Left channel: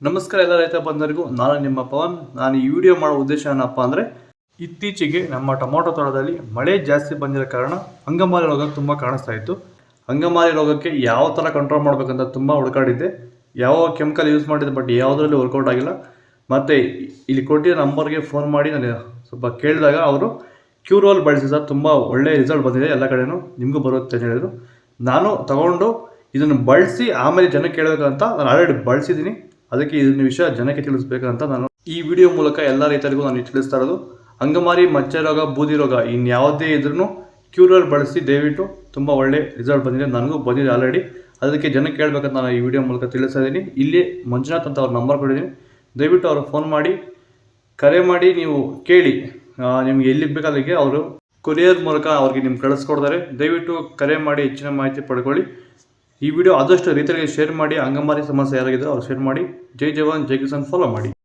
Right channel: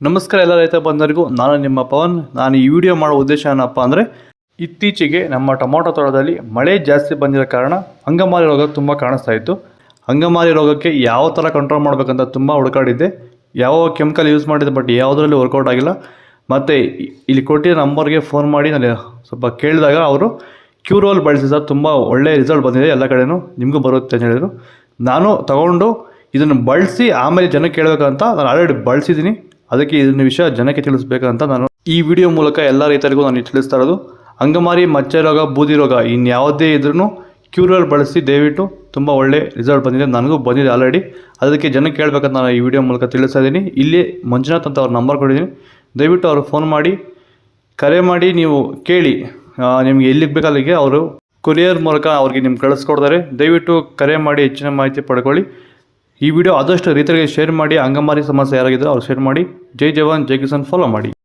ನಮಸ್ಕಾರ ಎಲ್ಲ ರೈತ ಬಂದರಿಗೂ, ನಾನು ನಿಮ್ಮ ಪವನ್. ನಾನು ಈ ವಿಡಿಯೋ ಮಾಡೋ ಉದ್ದೇಶ ಏನಪ್ಪ ಅಂದರೆ, ಇತ್ತೀಚೆಗೆ ನಮ್ಮ ಟೊಮೊಟೊ ತೋಟದಲ್ಲಿ ಮಳೆ ಜಾಸ್ತಿ ಬಂದಿರೋ ಕಾರಣ ಅಂಗಮಾರಿ ರೋಗ ತುಂಬ ಕಾಣಿಸ್ತಾ ಇತ್ತು. ಅಂಗಮಾರಿ ರೋಗಕ್ಕೆ ಯಾವ ಥರ ಕಂಟ್ರೋಲ್ ಮಾಡಬೇಕಂತ ತುಂಬ ಹುಡುಕಾಡಿದ್ದೆ. ಯಾವ ಕೆಮಿಕಲ್ ಯೂಸ್ ಮಾಡಿದೆ ಬಟ್ ಯಾವುದರಲ್ಲಿ ವರ್ಕೌಟ್ ಆಗಿಲ್ಲ. ಮತ್ತು ಇಲ್ಲಿ ಕೊಟ್ಟಿರೋ ನಂಬರ್ಗೆ ಫೋನ್ ಮಾಡಿ ನಾನು ಸ್ವಲ್ಪ ಕೇಳಿದಾಗ ಅವರು ಕ್ಯೂರೋಲ್ ಬಳಸಿ ಸರ್ ತುಂಬ ಒಳ್ಳೆ ರಿಸಲ್ಟ್ ಬಂದಿದೆ ಎಲ್ಲ ಕಡೆಯೂ ನಿಮಗೂ ಬರುತ್ತೆ ಅಂತ ಹೇಳಿದರು. ನಾನು ತಗೊಂಡು ಇದನ್ನು ಬಳಸಿ ಆಮೇಲೆ ಜನಕ್ಕೆ ಕೇಳಬೇಕಂತ ನಾನು ಆಲ್ರೆಡಿ ಬಳಸಿದ್ದೀನಿ. ಅದಕ್ಕೆ ಇದನ್ನ ವಿಷಯ ಜನಕ್ಕೆ ತಿಳಿಸ್ಬೇಕಂತ ನಾನು ಈ ವಿಡಿಯೋ ಮೂಲಕ ಎಲ್ಲ ರೈತರಿಗೂ ನಾನು ತಿಳಿಸ್ತಾ ಇರೋದು. ಅಂಗಮಾರಿ ಮಚ್ಚೆ ರೋಗ, ಬೂದಿ ರೋಗ ಇನ್ಯಾವುದೇ ಇದ್ರೂ ಕ್ಯೂರಲ್ ಬಳಸಿ ದಯವಿಟ್ಟು ತುಂಬ ಒಳ್ಳೆ ರಿಸಲ್ಟ್ ಬಂದಿದೆ. ನನಗೂ ಬಂದಿದೆ ಆಲ್ರೆಡಿ ಅದಕ್ಕೆ ಜನಕ್ಕೆ ಕೇಳಬೇಕಂತ ನಾನು ಈ ವಿಡಿಯೋ ಮೂಲಕ ತಿಳಿಸ್ತಾ ಇದ್ದೀನಿ. ಇಲ್ಲಿ ಮಂಜುನಾಥ್ ಅಂತ ಅವ್ರ ನಂಬರ್ ಕೊಟ್ಟಿದ್ದೀನಿ. ದಯವಿಟ್ಟು ಅವ್ರಿಗೆ ಫೋನ್ ಮಾಡಿ. ಕರೆ ಮಾಡಿ, ನೀವು ಕೇಳಿ. ನಿಮಗೆ ಎಲ್ಲಿಗೆ ಬೇಕು ಅಲ್ಲಿಗೆ ಅವರು ಕೊರಿಯರ್ ಮೂಲಕ ಅವ್ರಿಗೆ ನಿಮ್ಗೆ ಕಳಿಸ್ಕೊಡ್ತಾರೆ ದಯವಿಟ್ಟು ಕರೆ ಮಾಡಿ ಹೆಚ್ಚಿನ ಮಾಹಿತಿ ಪಡ್ಕೊಳ್ಳಿ. ಈ ವಿಡಿಯೋ ಆದಷ್ಟು ರೈತರಿಗೆ ಶೇರ್ ಮಾಡಿ, ಅಂಗಮಾರಿ ಸಮಸ್ಯೆ ಯಾರಾಗಿದ್ದರೂ ಅವ್ರು ಶೇರ್ ಮಾಡಿ. ಜೈ ಜವಾನ್, ಜೈ ಕಿಸಾನ್ ಫಾಲೋ ಮಾಡಿ.